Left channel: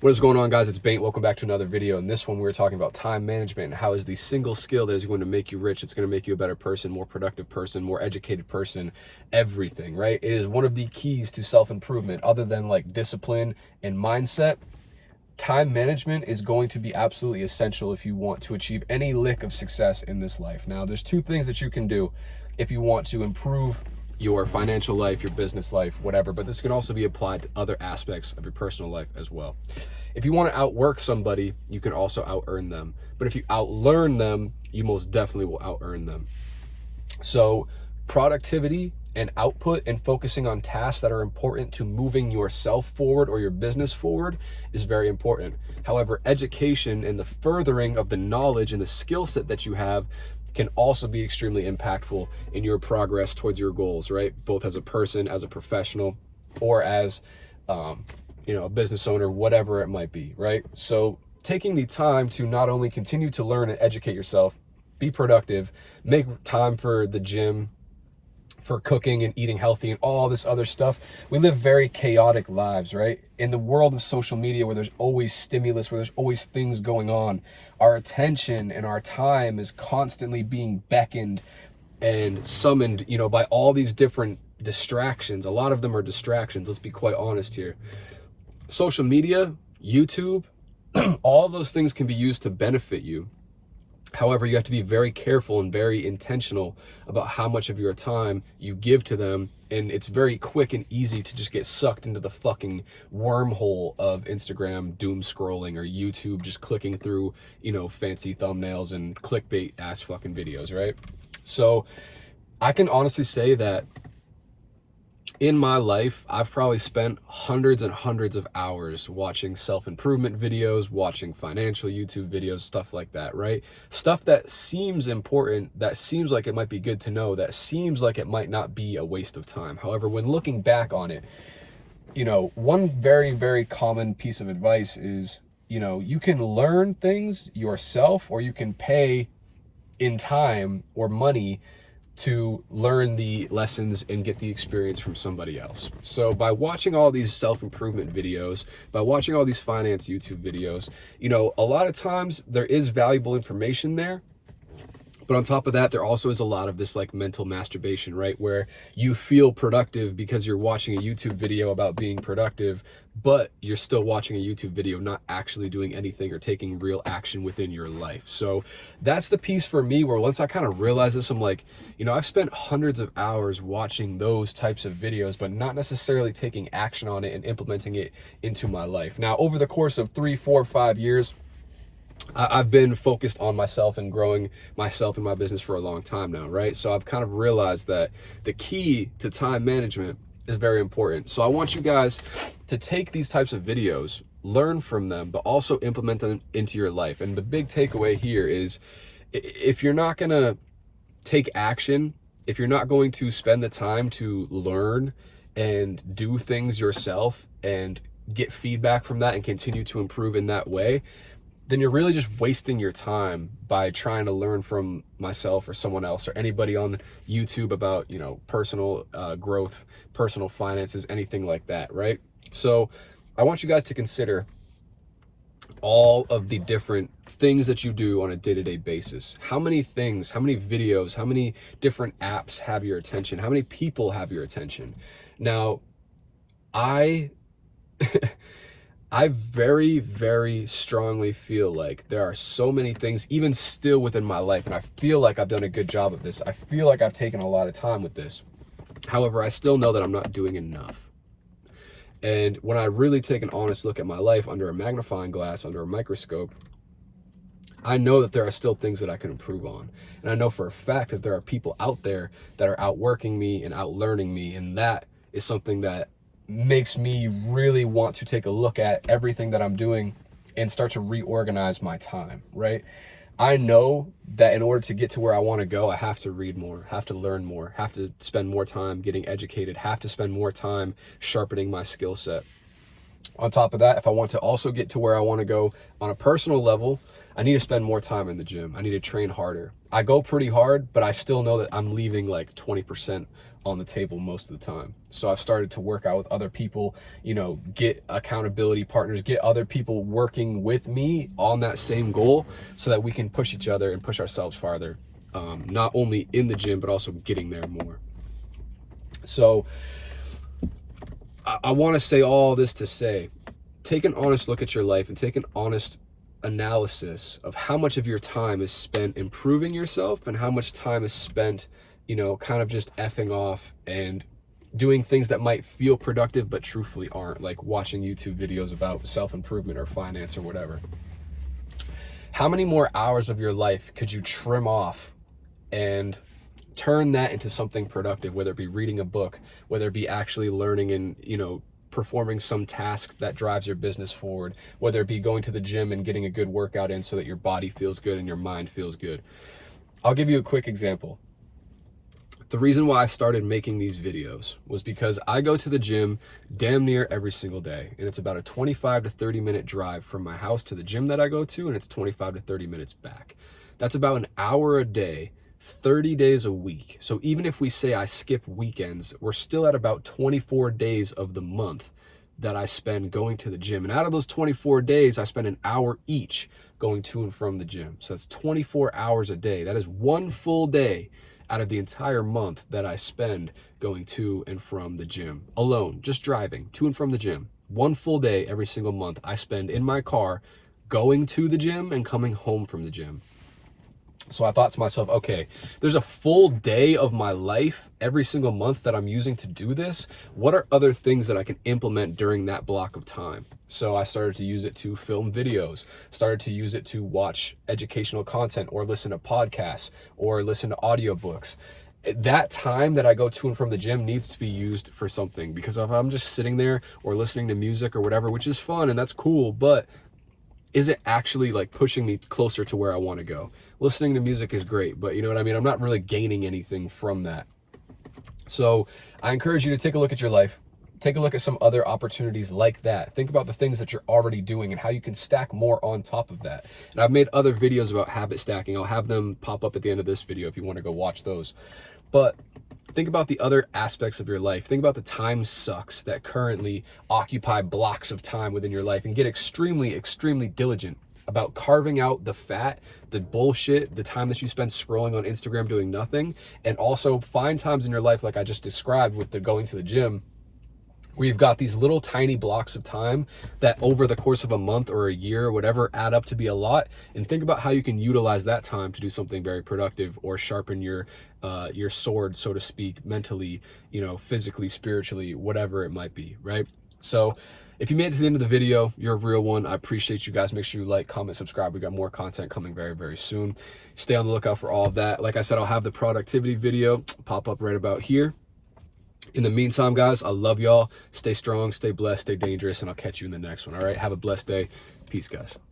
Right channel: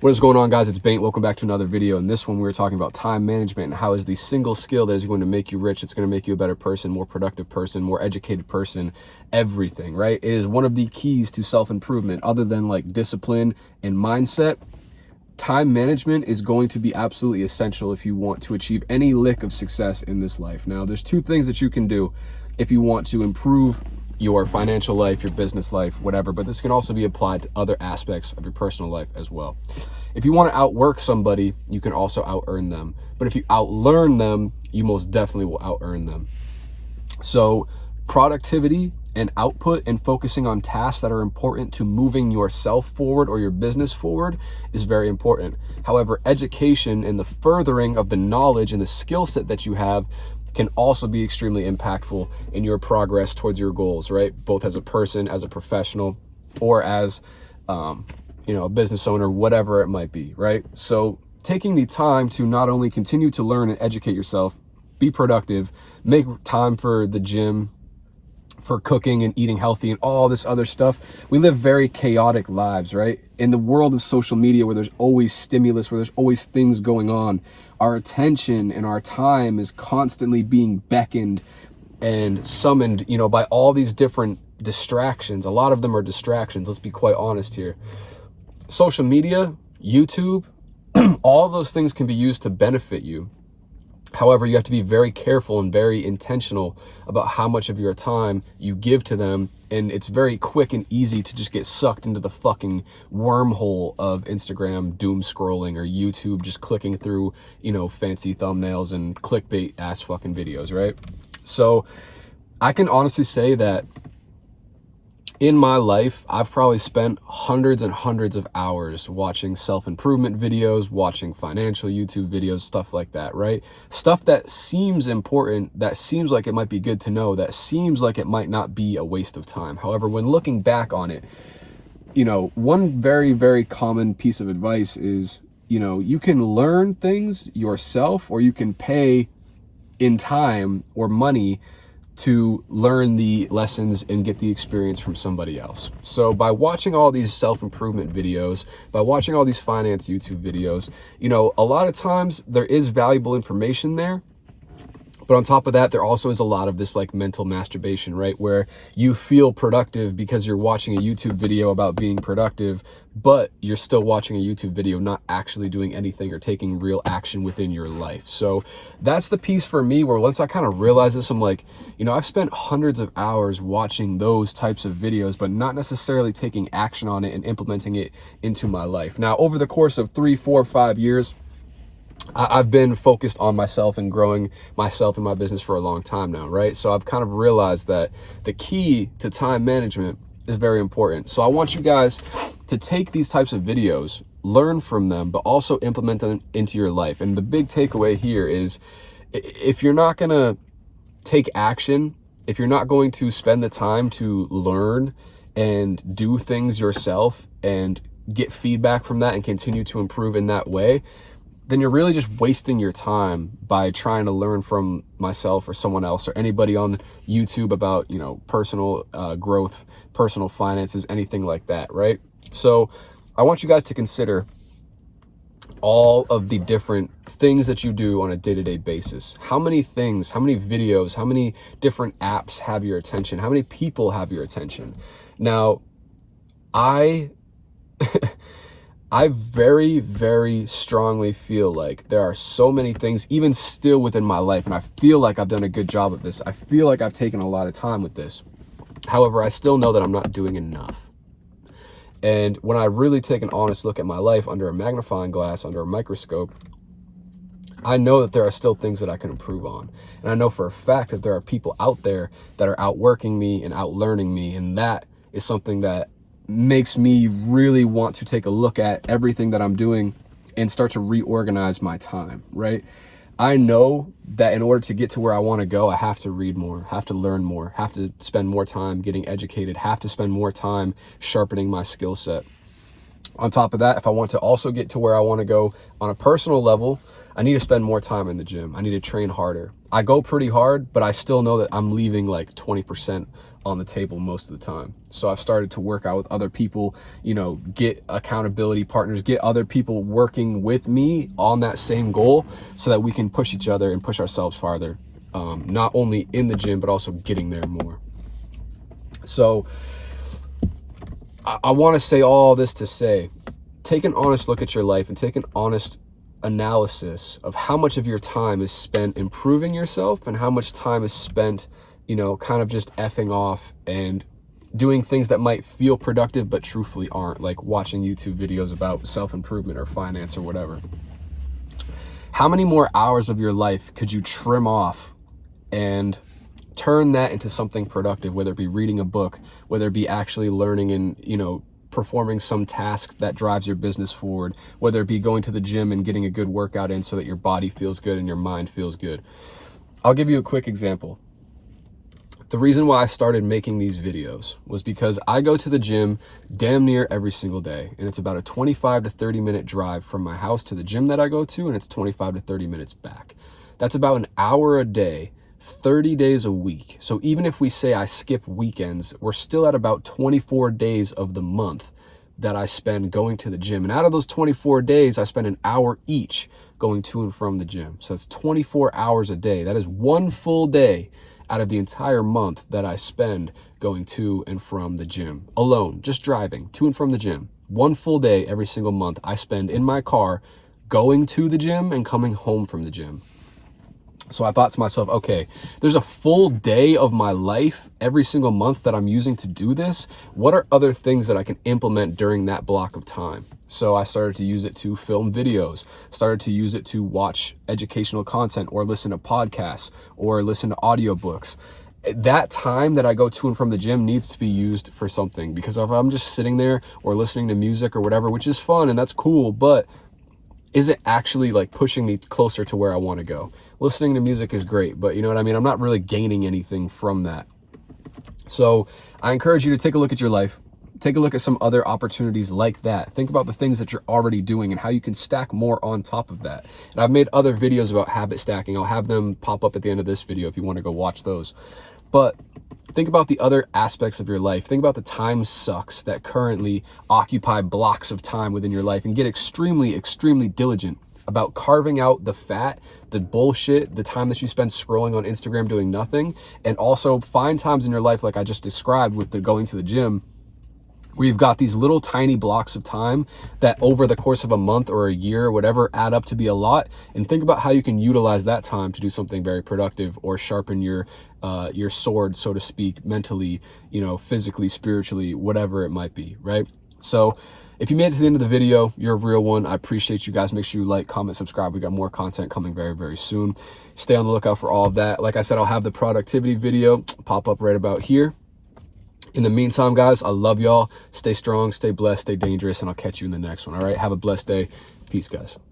What is going on, guys? It's Bengt. Welcome back to another video. In this one, we were talking about time management and how is the single skill that is going to make you rich. It's going to make you a better person, more productive person, more educated person, everything, right? It is one of the keys to self-improvement. Other than like discipline and mindset, time management is going to be absolutely essential if you want to achieve any lick of success in this life. Now, there's two things that you can do if you want to improve your financial life, your business life, whatever, but this can also be applied to other aspects of your personal life as well. If you want to outwork somebody, you can also out-earn them. But if you out-learn them, you most definitely will out-earn them. So productivity and output and focusing on tasks that are important to moving yourself forward or your business forward is very important. However, education and the furthering of the knowledge and the skill set that you have can also be extremely impactful in your progress towards your goals, right? Both as a person, as a professional, or as, a business owner, whatever it might be, right? So taking the time to not only continue to learn and educate yourself, be productive, make time for the gym, for cooking and eating healthy and all this other stuff. We live very chaotic lives, right? In the world of social media where there's always stimulus, where there's always things going on, our attention and our time is constantly being beckoned and summoned, by all these different distractions. A lot of them are distractions. Let's be quite honest here. Social media, YouTube, all of those things can be used to benefit you. However, you have to be very careful and very intentional about how much of your time you give to them. And it's very quick and easy to just get sucked into the fucking wormhole of Instagram doom scrolling or YouTube just clicking through, fancy thumbnails and clickbait ass fucking videos, right? So I can honestly say that in my life, I've probably spent hundreds and hundreds of hours watching self-improvement videos, watching financial YouTube videos, stuff like that, right? Stuff that seems important, that seems like it might be good to know, that seems like it might not be a waste of time. However, when looking back on it, one very, very common piece of advice is, you can learn things yourself or you can pay in time or money to learn the lessons and get the experience from somebody else. So by watching all these self-improvement videos, by watching all these finance YouTube videos, a lot of times there is valuable information there. But on top of that, there also is a lot of this like mental masturbation, right? Where you feel productive because you're watching a YouTube video about being productive, but you're still watching a YouTube video, not actually doing anything or taking real action within your life. So that's the piece for me where once I kind of realized this, I'm like, I've spent hundreds of hours watching those types of videos, but not necessarily taking action on it and implementing it into my life. Now, over the course of 3, 4, 5 years, I've been focused on myself and growing myself and my business for a long time now, right? So I've kind of realized that the key to time management is very important. So I want you guys to take these types of videos, learn from them, but also implement them into your life. And the big takeaway here is if you're not going to take action, if you're not going to spend the time to learn and do things yourself and get feedback from that and continue to improve in that way, then you're really just wasting your time by trying to learn from myself or someone else or anybody on YouTube about, personal growth, personal finances, anything like that, right? So I want you guys to consider all of the different things that you do on a day-to-day basis. How many things, how many videos, how many different apps have your attention? How many people have your attention? Now, I very, very strongly feel like there are so many things, even still within my life, and I feel like I've done a good job of this. I feel like I've taken a lot of time with this. However, I still know that I'm not doing enough. And when I really take an honest look at my life under a magnifying glass, under a microscope, I know that there are still things that I can improve on. And I know for a fact that there are people out there that are outworking me and outlearning me, and that is something that makes me really want to take a look at everything that I'm doing and start to reorganize my time, right? I know that in order to get to where I want to go, I have to read more, have to learn more, have to spend more time getting educated, have to spend more time sharpening my skill set. On top of that, if I want to also get to where I want to go on a personal level, I need to spend more time in the gym. I need to train harder. I go pretty hard, but I still know that I'm leaving like 20% on the table most of the time. So I've started to work out with other people, you know, get accountability partners, get other people working with me on that same goal so that we can push each other and push ourselves farther, not only in the gym, but also getting there more. So I want to say all this to say, take an honest look at your life and take an honest analysis of how much of your time is spent improving yourself and how much time is spent, you know, kind of just effing off and doing things that might feel productive but truthfully aren't, like watching YouTube videos about self-improvement or finance or whatever. How many more hours of your life could you trim off and turn that into something productive, whether it be reading a book, whether it be actually learning and, you know, performing some task that drives your business forward, whether it be going to the gym and getting a good workout in so that your body feels good and your mind feels good. I'll give you a quick example. The reason why I started making these videos was because I go to the gym damn near every single day, and it's about a 25 to 30 minute drive from my house to the gym that I go to, and it's 25 to 30 minutes back. That's about an hour a day, 30 days a week. So even if we say I skip weekends, we're still at about 24 days of the month that I spend going to the gym. And out of those 24 days, I spend an hour each going to and from the gym. So that's 24 hours a day. That is one full day out of the entire month that I spend going to and from the gym alone, just driving to and from the gym. One full day every single month I spend in my car going to the gym and coming home from the gym. So I thought to myself, okay, there's a full day of my life every single month that I'm using to do this. What are other things that I can implement during that block of time? So I started to use it to film videos, started to use it to watch educational content or listen to podcasts or listen to audiobooks. That time that I go to and from the gym needs to be used for something, because if I'm just sitting there or listening to music or whatever, which is fun and that's cool, but is it actually like pushing me closer to where I want to go? Listening to music is great, but you know what I mean? I'm not really gaining anything from that. So I encourage you to take a look at your life. Take a look at some other opportunities like that. Think about the things that you're already doing and how you can stack more on top of that. And I've made other videos about habit stacking. I'll have them pop up at the end of this video if you want to go watch those. But think about the other aspects of your life. Think about the time sucks that currently occupy blocks of time within your life, and get extremely, extremely diligent about carving out the fat, the bullshit, the time that you spend scrolling on Instagram doing nothing, and also find times in your life like I just described with the going to the gym, where you've got these little tiny blocks of time that over the course of a month or a year or whatever add up to be a lot, and think about how you can utilize that time to do something very productive or sharpen your sword, so to speak, mentally, you know, physically, spiritually, whatever it might be, right? So if you made it to the end of the video, you're a real one. I appreciate you guys. Make sure you like, comment, subscribe. We got more content coming very, very soon. Stay on the lookout for all of that. Like I said, I'll have the productivity video pop up right about here. In the meantime, guys, I love y'all. Stay strong, stay blessed, stay dangerous, and I'll catch you in the next one. All right, have a blessed day. Peace, guys.